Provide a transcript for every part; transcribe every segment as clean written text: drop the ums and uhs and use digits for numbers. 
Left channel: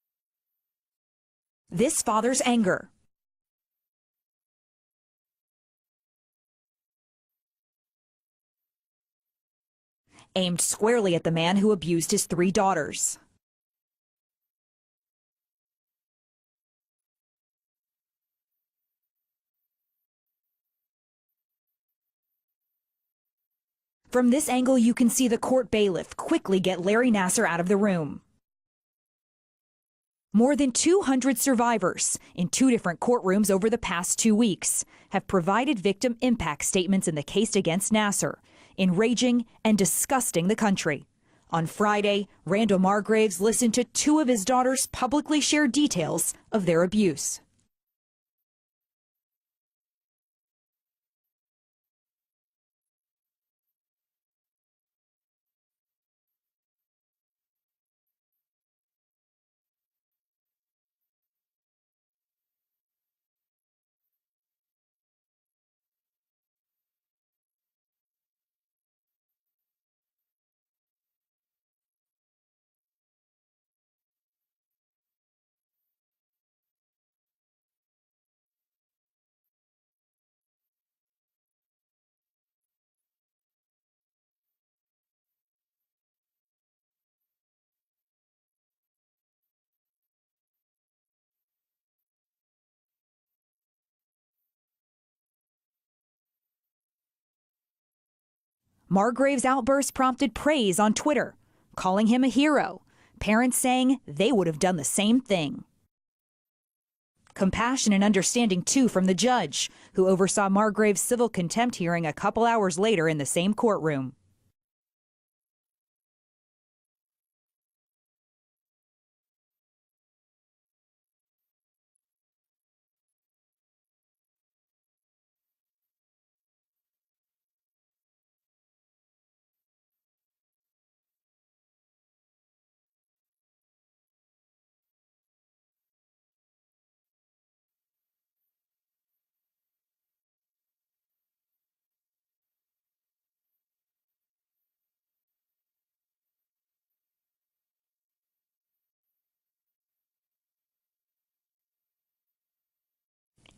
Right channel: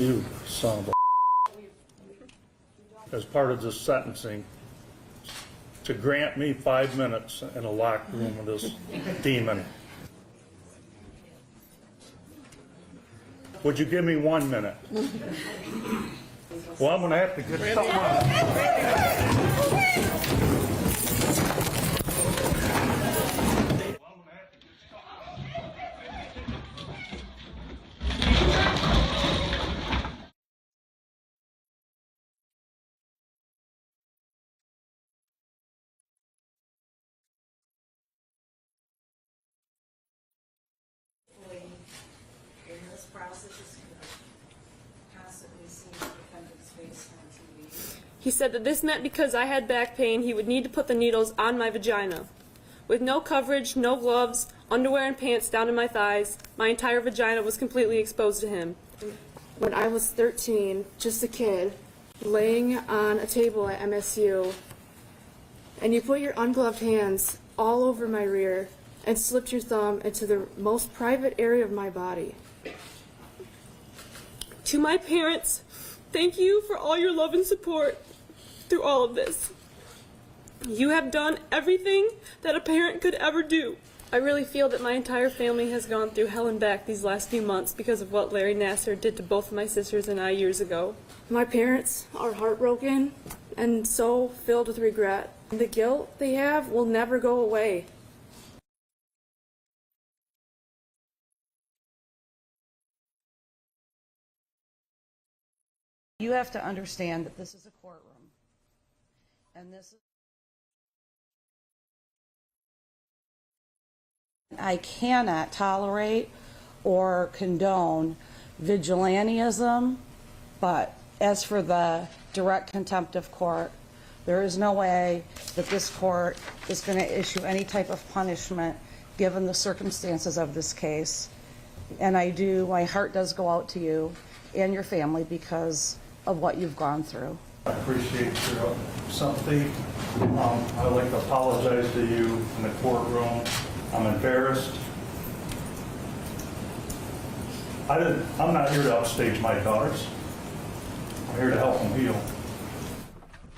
You son of a... This father's anger. As part of this sentencing, to grant me 5 minutes in a locked room with this demon. Aimed squarely at the man who abused his 3 daughters. Would you give me 1 minute? Well, I'm going to have to get something on. From this angle, you can see the court bailiff quickly get Larry Nassar out of the room. More than 200 survivors in 2 different courtrooms over the past 2 weeks have provided victim impact statements in the case against Nassar, enraging and disgusting the country. On Friday, Randall Margraves listened to 2 of his daughters publicly share details of their abuse. He said that this meant because I had back pain, he would need to put the needles on my vagina. With no coverage, no gloves, underwear and pants down to my thighs, my entire vagina was completely exposed to him. When I was 13, just a kid, laying on a table at MSU, and you put your ungloved hands all over my rear and slipped your thumb into the most private area of my body. To my parents, thank you for all your love and support through all of this. You have done everything that a parent could ever do. I really feel that my entire family has gone through hell and back these last few months because of what Larry Nassar did to both of my sisters and I years ago. My parents are heartbroken and so filled with regret. The guilt they have will never go away. Margraves' outburst prompted praise on Twitter, calling him a hero. Parents saying they would have done the same thing. You have to understand that compassion and understanding, too, from the judge, who oversaw Margraves' civil contempt hearing a couple hours later in the same courtroom. I cannot tolerate or condone vigilantism, but as for the direct contempt of court, there is no way that this court is going to issue any type of punishment given the circumstances of this case. And my heart does go out to you and your family because of what you've gone through. I appreciate your sympathy. I'd like to apologize to you in the courtroom. I'm embarrassed. I'm not here to upstage my daughters. I'm here to help them heal.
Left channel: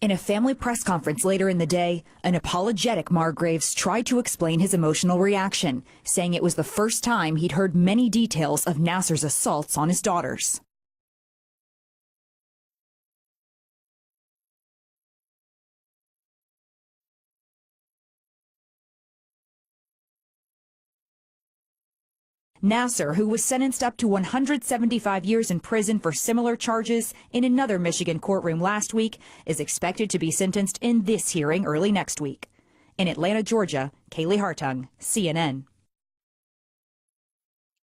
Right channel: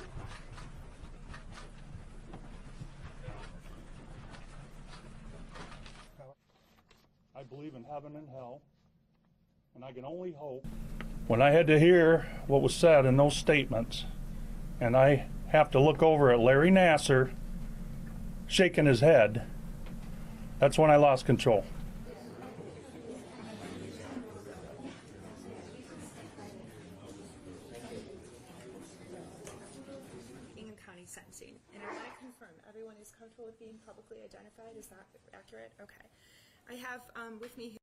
In a family press conference later in the day, an apologetic Margraves tried to explain his emotional reaction, saying it was the first time he'd heard many details of Nassar's assaults on his daughters. When I had to hear what was said in those statements, and I have to look over at Larry Nassar shaking his head, that's when I lost control. Nassar, who was sentenced up to 175 years in prison for similar charges in another Michigan courtroom last week, is expected to be sentenced in this hearing early next week. In Atlanta, Georgia, Kaylee Hartung, CNN.